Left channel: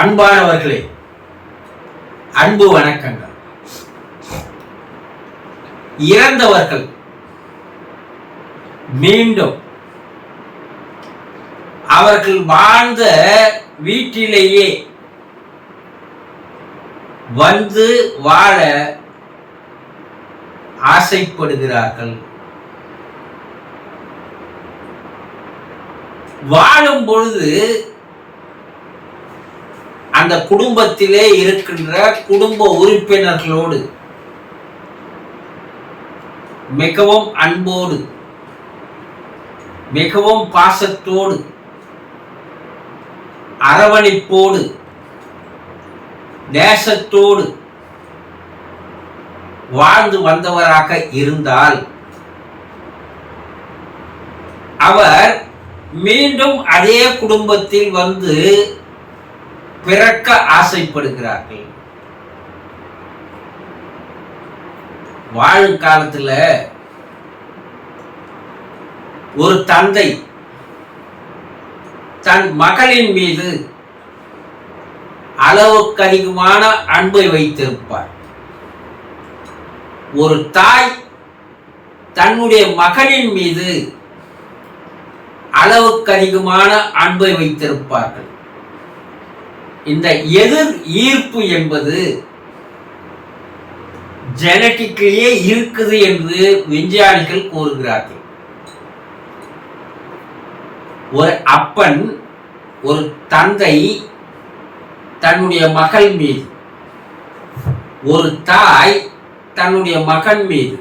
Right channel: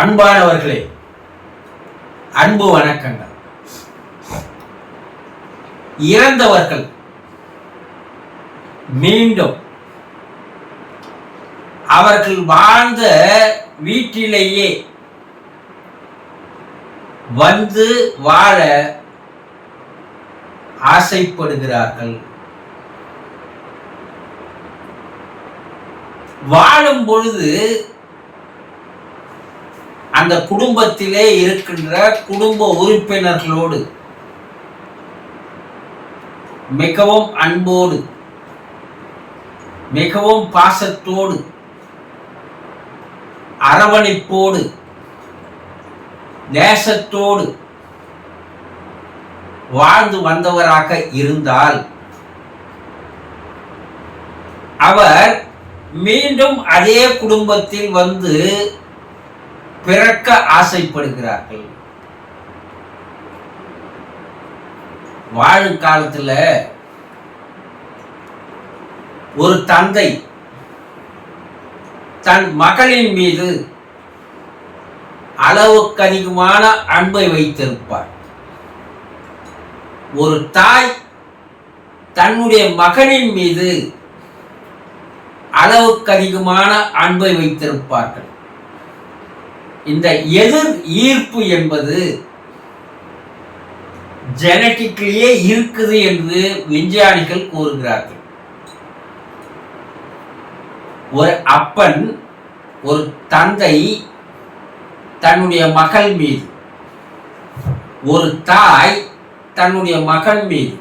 அன்பானவர்களே அன்பு வணக்கங்கள். இறந்தவர்கள் மீண்டும் அவர்கள் வாழ்ந்த வீட்டிலேயே வந்து வாழ ஆசைப்படுகிறார்கள். வாழும் பொழுது அந்த குடும்பத்திலே இருக்கின்ற குடும்ப உறுப்பினர்களோடு மிகவும் அன்போடு மிகவும் பாசத்தோடு அரவணைப்போடு நேசத்தோடு வாழ்ந்து வந்தவராக இருந்தால் அவர் மீண்டும் அதே குடும்பத்தில் வந்து பிறக்க ஆசைப்படுகிறார்கள். வாழும் காலத்தில் ஒரு தந்தை தன் மகளின் மீது அளவுக்கு அதிகமான அன்பை வைத்திருப்பார். ஒரு தாய் தன்னுடைய மகனின் மீது அளவுக்கு அதிகமான அன்பை வைத்திருப்பார்கள். இந்த எதிர் ஈர்ப்பு என்பது ஜெனட்டிக்லேயே இருக்குது என்று விஞ்ஞானிகள் கூறுகிறார்கள். ஒரு அப்பன் ஒரு தந்தை தன்னுடைய மகள் மீது ஒரு தாய் தன்னுடைய மகன் மீது.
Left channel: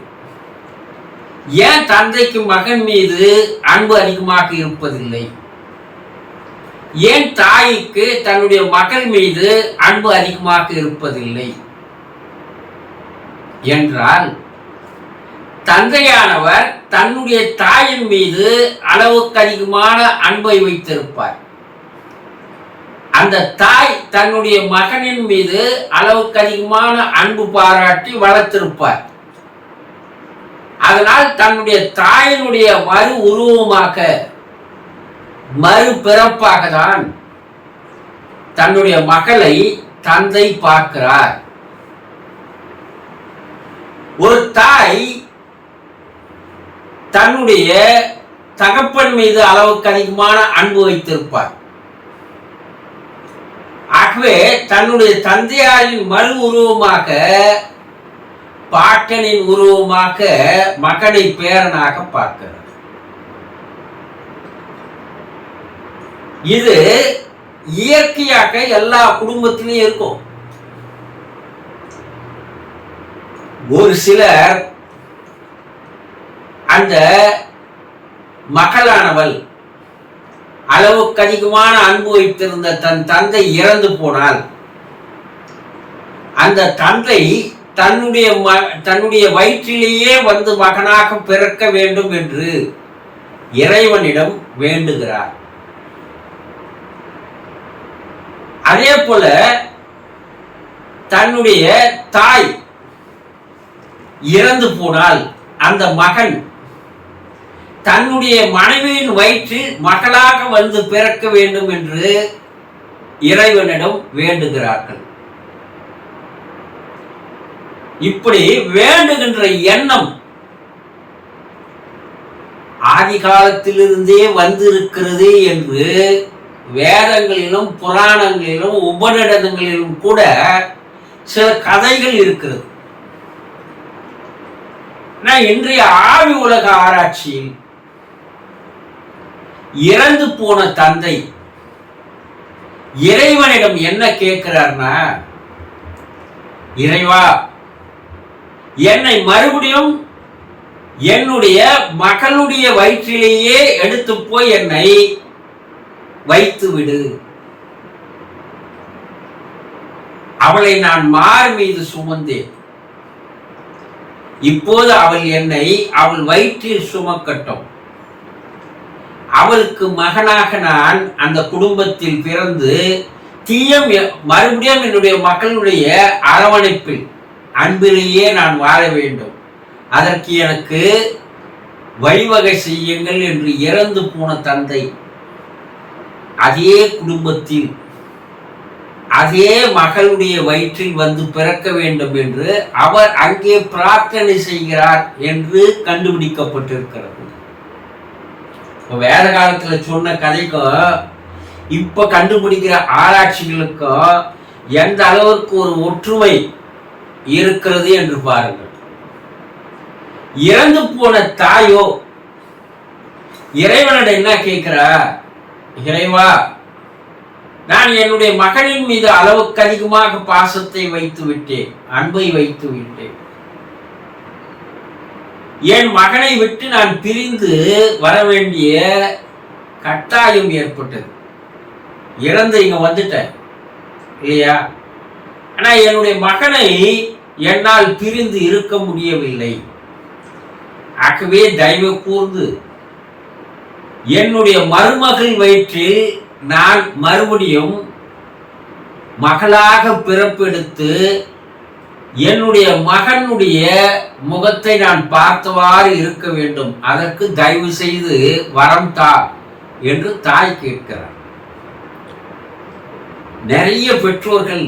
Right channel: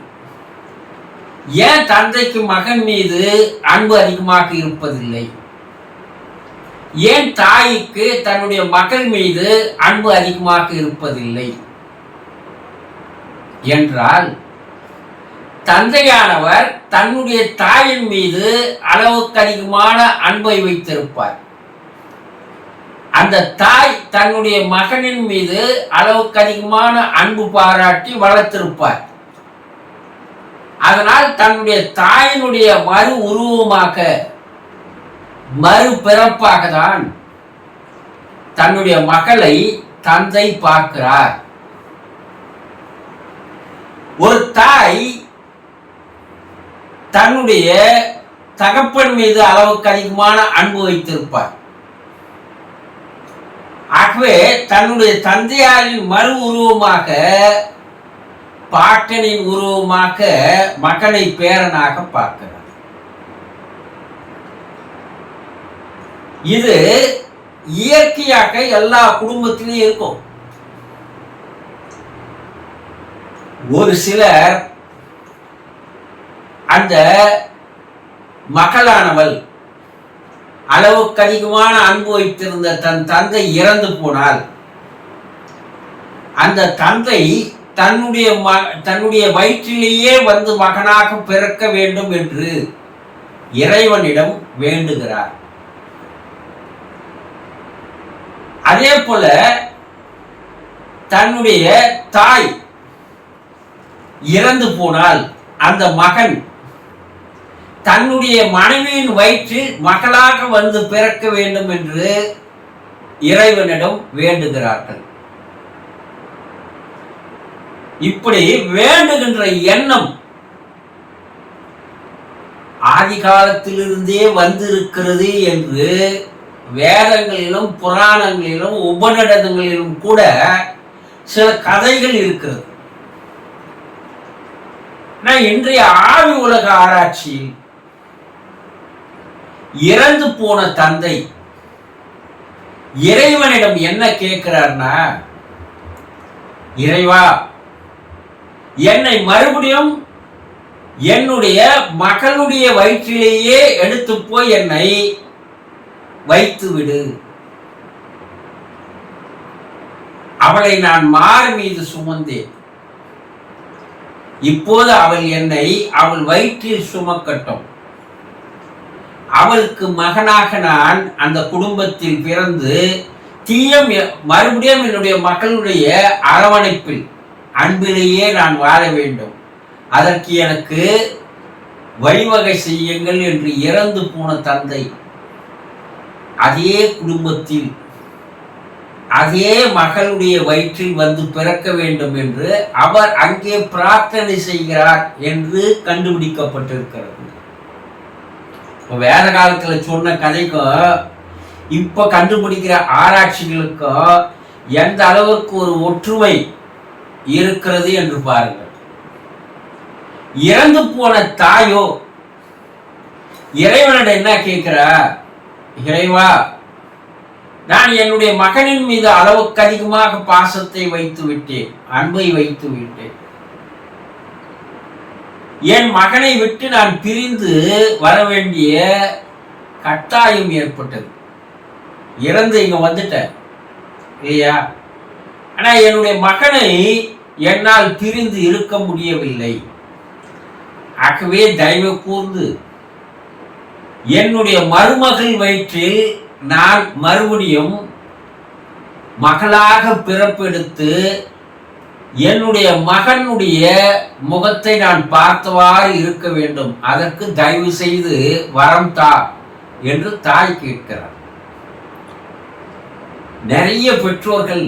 ஏன் தந்தைக்கு மகன் மீது அன்பு அதிகமாக இருப்பதில்லை? ஏன் தாய்க்கு தன்னுடைய மகள் மீது அன்பு அதிகமாக இருப்பதில்லை? என்றால் தந்தையானவர் தன்னுடைய தாயின் மீது அளவுக்கு அதிகமான அன்பை வைத்திருப்பார். அந்த தாய் தன்னுடைய மகனின் மீது அளவுக்கு அதிகமான அன்பு பாராட்டி வளர்த்திருப்பார். அதனால் தன்னுடைய தாயினுடைய மறு உருவமாக மறுபிறப்பாக தான் தன்னுடைய மகளை தந்தை பார்க்கிறார். ஒரு தாய் தன்னுடைய தகப்பன் மீது அளவுக்கு அதிகமான அன்பு வைத்திருப்பார். ஆகவே தன்னுடைய தந்தையாரின் மறு உருவமாக பாட்டனின் உருவமாக மகனை பேரனாக பார்க்கிறார். இது இயற்கையாக எல்லா குடும்பத்திலையும் இருக்கும். ஒரு சிலர் அந்த மகளானவள் அளவுக்கு அதிகமான அன்பு வைத்திருந்த தன் தந்தை இறந்து போனால் அந்த தந்தை தன்னுடைய ம தன்னுடைய வயிற்றிலேயே வந்து மகனாக பிறக்க வேண்டும் என்று இறைவனிடம் வேண்டுகிறார். அதே போல தன்னுடைய தாய் இறந்து போனால் அந்த மகன் தன்னுடைய மனைவியின் வயிற்றில் மகளாக வந்து பிறக்க வேண்டும் என்று இறைவனிடம் வேண்டுகிறார்கள். இப்படி வேண்டுகின்ற எண்ணம் ஆதி காலத்திலிருந்தே வந்திருக்கிறது என்று வேதங்களிலும் புராணங்களிலும் உபநிடதங்களிலும் கூட சில கதைகள் இருக்கிறது. நான் இன்றைய ஆவி உலக ஆராய்ச்சியில் இறந்து போன தந்தை இறைவனிடம் என்ன கேட்கிறார்னா இறைவா என்னை மறுபடியும் என்னுடைய மகளுடைய வயிற்றிலேயே எடுத்து போய் என்னை வைத்து விடு. அவளை நான் மார் மீது சுமந்தேன். இப்போது அவள் என்னை அவள் வயிற்றில் சுமக்கட்டும். அவளுக்கு மகனாக நான் அந்த குடும்பத்தில் பிறந்து தீயம் மறுபடியும் என்னுடைய மகளுடைய அரவணைப்பில் அன்பிலேயே நான் வாழ வேண்டும். அதற்கு எனக்கு வழிவகை செய்யுங்கள் என்று இறந்து போன தந்தை. அதே குடும்பத்தில் அதே மகளுடைய வயிற்றில் வந்து பிறக்க வேண்டும் என்று அவர் அங்கே பிரார்த்தனை செய்கிறார் என்று கண்டுபிடிக்கப்பட்டிருக்கிறது. வேத காலத்துல சொன்ன கதைக்கும் இப்ப கண்டுபிடிக்கிற ஆராய்ச்சிகளுக்கும் எந்த அளவுக்கு ஒரு ஒற்றுமை இருக்கிறது என்று பாருங்கள். இறந்து போன தாயோ இறைவனிடம் என்ன கேட்கிறா இறைவா நான் என்னுடைய மகனின் மீது அளவுக்கு அதிகமாக பாசத்தை வைத்து விட்டேன் அன்பை வைத்து விட்டேன். என் மகனை விட்டு நான் பிரிந்து வர வேண்டிய கட்டாயம் ஏற்பட்டது. இறந்து இங்க வந்துட்டேன். இல்லையா? ஆனா என்னுடைய மகனை என்னால் பிரிந்து இருக்க முடியவில்லை. ஆகவே தயவு கூர்ந்து என்னுடைய மருமகள் வயிற்றில் நான் மறுபடியும் மகளாக பிறப்பெடுத்து என்னுடைய மகனுடைய முகத்தை நான் பார்த்தவாறு இருக்க வேண்டும். அதற்கு தயவு செய்து வரம் தா என்று தாய் கேட்கிறார். நிறைய பெற்றோர்கள்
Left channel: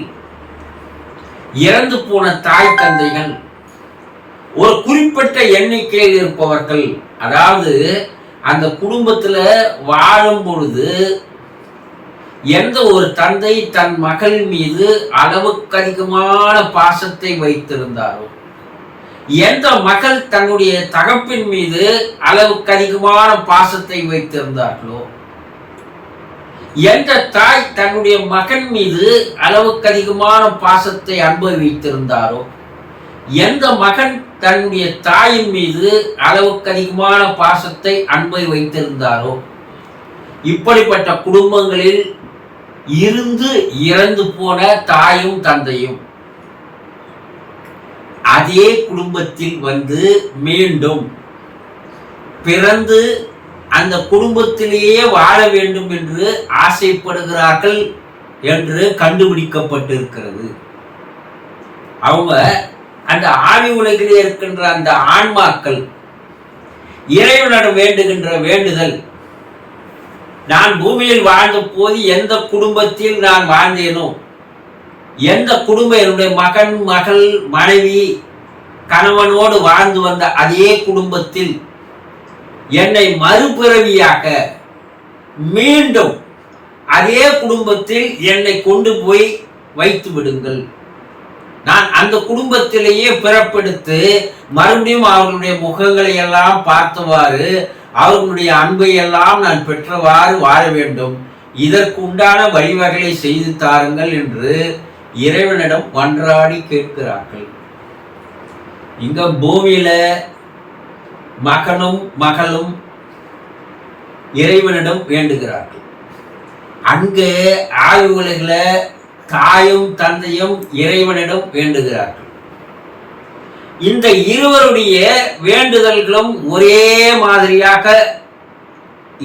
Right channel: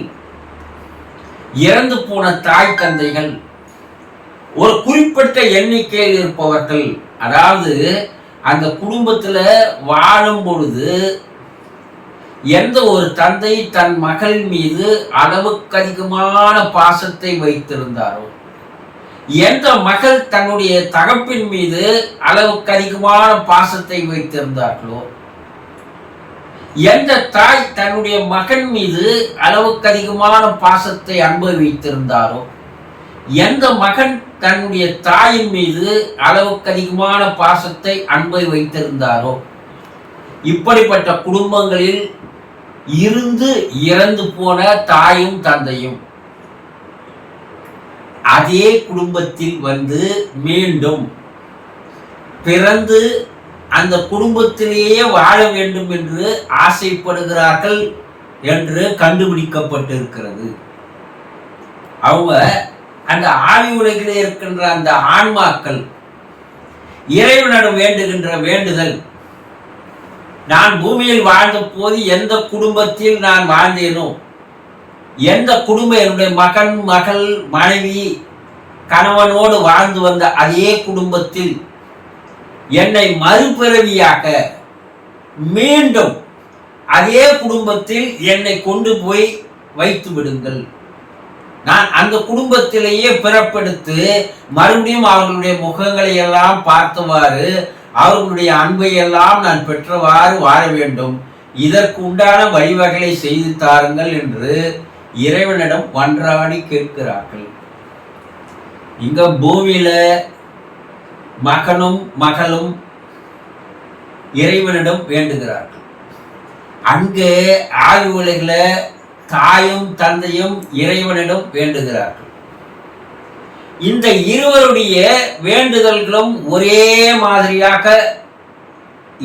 இறந்து போன தாய் தந்தைகள் ஒரு குறிப்பிட்ட எண்ணிக்கையில் இருப்பவர்கள் அதாவது அந்த குடும்பத்தில் வாழும் பொழுது எந்த ஒரு தந்தை தன் மகள் மீது அளவுக்கு அதிகமான பாசத்தை வைத்திருந்தாரோ எந்த மகள் தன்னுடைய தகப்பின் மீது அளவுக்கு அதிகமான பாசத்தை வைத்திருந்தார்களோ எந்த தாய் தன்னுடைய மகன் மீது அளவுக்கு அதிகமான பாசத்தை அனுபவித்திருந்தாரோ எந்த மகன் தன்னுடைய தாயின் மீது அளவுக்கு அதிகமான பாசத்தை அன்பை வைத்திருந்தாரோ? இப்படிப்பட்ட குடும்பங்களில் இருந்து இறந்து போன தாயும் தந்தையும் அதே குடும்பத்தில் வந்து மீண்டும் பிறந்து அந்த குடும்பத்திலேயே வாழ வேண்டும் என்று ஆசைப்படுகிறார்கள் என்று கண்டுபிடிக்கப்பட்டிருக்கிறது. அவங்க அந்த ஆவி உலகிலே இருக்கின்ற அந்த ஆன்மாக்கள் இறைவனிடம் வேண்டுகின்ற வேண்டுதல் நான் பூமியில் வாழ்ந்த போது எந்த குடும்பத்தில் நான் வாழ்ந்தேனோ எந்த குடும்பம் என்னுடைய மகன் மகள் மனைவி கணவனோடு வாழ்ந்து வந்த அதே குடும்பத்தில் என்னை மறுபிறவியாக மீண்டும் அதே குடும்பத்தில் என்னை கொண்டு போய் வைத்து விடுங்கள். நான் அந்த குடும்பத்திலேயே பிறப்பெடுத்து மறுபடியும் அவர்களுடைய முகங்களை எல்லாம் பார்த்தவாறு அவர்களுடைய அன்பை எல்லாம் நான் பெற்றவாறு வாழ வேண்டும். இதற்கு உண்டான வழிவகைகளை செய்து தாருங்கள் என்று இறைவனிடம் மன்றாடி கேட்கிறார்கள். இங்க பூமியில மகனும் மகளும் இறைவனிடம் வேண்டுகிறார்கள். அங்கே ஆய்வு உலகில் தாயும் தந்தையும் இறைவனிடம் வேண்டுகிறார்கள். இந்த இருவருடைய வேண்டுதல்களும் ஒரே மாதிரியாக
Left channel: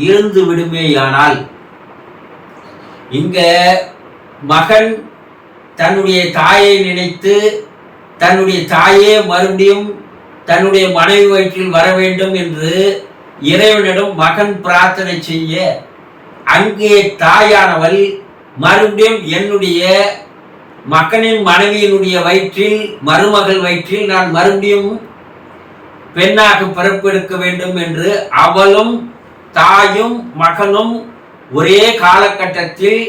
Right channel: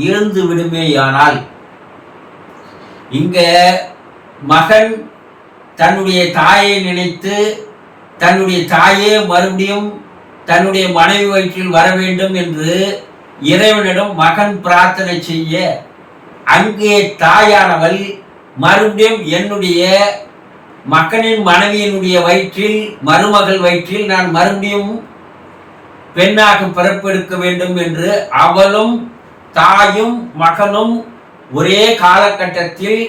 இருந்து விடுமேயானால் இங்க மகன் தன்னுடைய தாயை நினைத்து தன்னுடைய தாயே மறுபடியும் தன்னுடைய மனைவி வயிற்றில் வர வேண்டும் என்று இறைவனிடம் மகன் பிரார்த்தனை செய்ய அங்கே தாயானவள் மறுபடியும் என்னுடைய மக்களின் மனைவியினுடைய வயிற்றில் மருமகள் வயிற்றில் நான் மறுபடியும் பெண்ணாக பிறப்பெடுக்க வேண்டும் என்று அவளும் தாயும் மகனும் ஒரே காலகட்டத்தில்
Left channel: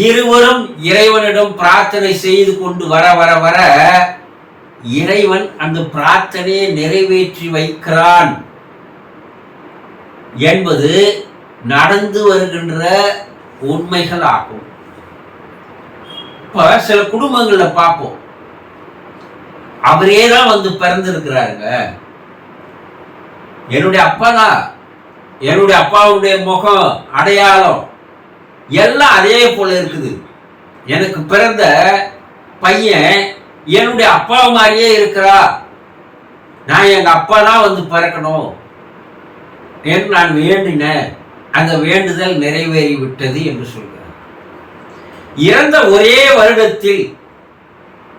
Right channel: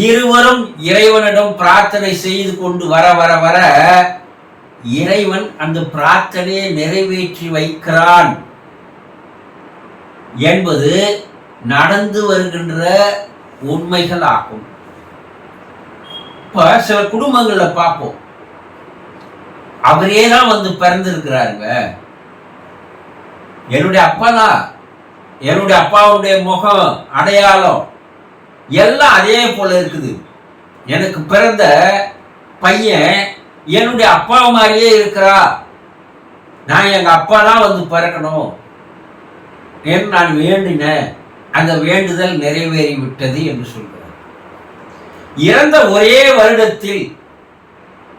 இருவரும் இறைவனிடம் பிரார்த்தனை செய்து கொண்டு வர வர வர இறைவன் அந்த பிரார்த்தனையை நிறைவேற்றி வைக்கிறான் என்பது நடந்து வருகின்ற உண்மைகள் ஆகும் இப்போ சில குடும்பங்களில் பார்ப்போம் அவரே தான் வந்து பிறந்திருக்கிறாருங்க. என்னுடைய அப்பா தான். என்னுடைய அப்பாவுடைய முகம் அடையாளம் எல்லாம் அதே போல இருக்குது. எனக்கு பிறந்த பையன் என்னுடைய அப்பா மாதிரியே இருக்கிறா. நான் எங்கள் அப்பா தான் வந்து பிறக்கணும். என்று நான் வேண்டினேன். அந்த வேண்டுதல் நிறைவேறி விட்டது என்று சொல்கிறேன் இறந்த ஒரே வருடத்தில்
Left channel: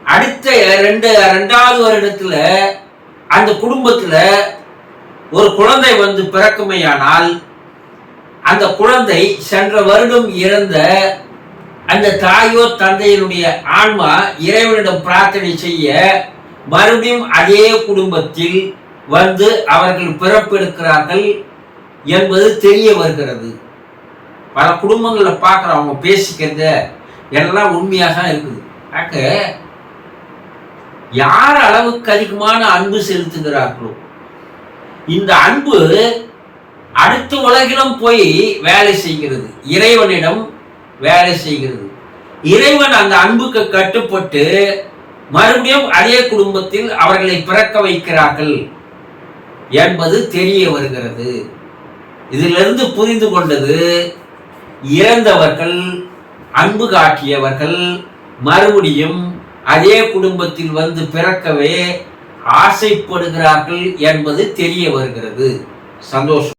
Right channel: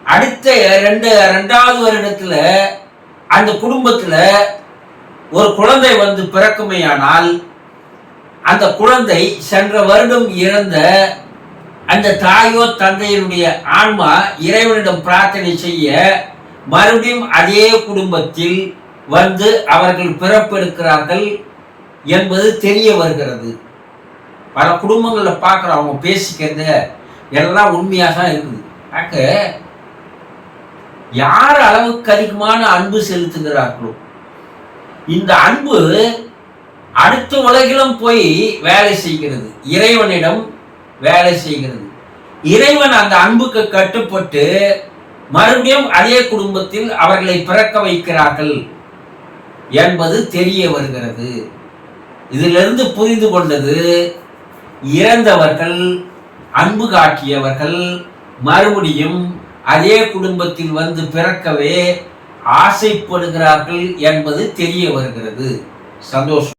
அடுத்த ரெண்டு ரெண்டாவது வருடத்தில் அந்த குடும்பத்தில் ஒரு குழந்தை வந்து பிறக்குமையானால் அந்த குழந்தை சென்ற வருடம் இறந்த அந்த தாயோ தந்தையினுடைய ஆன்மா இறைவனிடம் பிரார்த்தனை செய்ய மறுபடியும் அதே குடும்பத்தில் வந்து அவர்கள் பிறப்பெடுக்கிறார்கள் என்பது தெரிய வருகிறது. பல குடும்பங்களில் பார்க்குறோம் அவங்க பேசிக்கிறத. எல்லாம் உண்மையாக தான் இருக்குது. ஆக்க யார் அளவுக்கு அதிகமான அன்பு செலுத்துகிறார்களோ இந்த அன்பு அடுத்த உலகிலும் போய் வேலை செய்கிறது. இறைவனிடம் வேலை செய்கிறது. இறைவன் அந்த அன்புக்கு கட்டுப்பட்டு மறுபடியும் அதே குடும்பத்தில் அவர்களை பிறக்க வைக்கிறார்கள் என்பது தெரிய வருகிறது. இதிலிருந்து புரிந்து கொண்டது இறந்தவர்கள் அன்பு காட்டியவர்கள் மறுபடியும் அதே குடும்பத்தில் வந்து பிறக்கவே ஆசைப்படுகிறார்கள் என்பது தெரிய வருகிறது. சந்தோஷம்.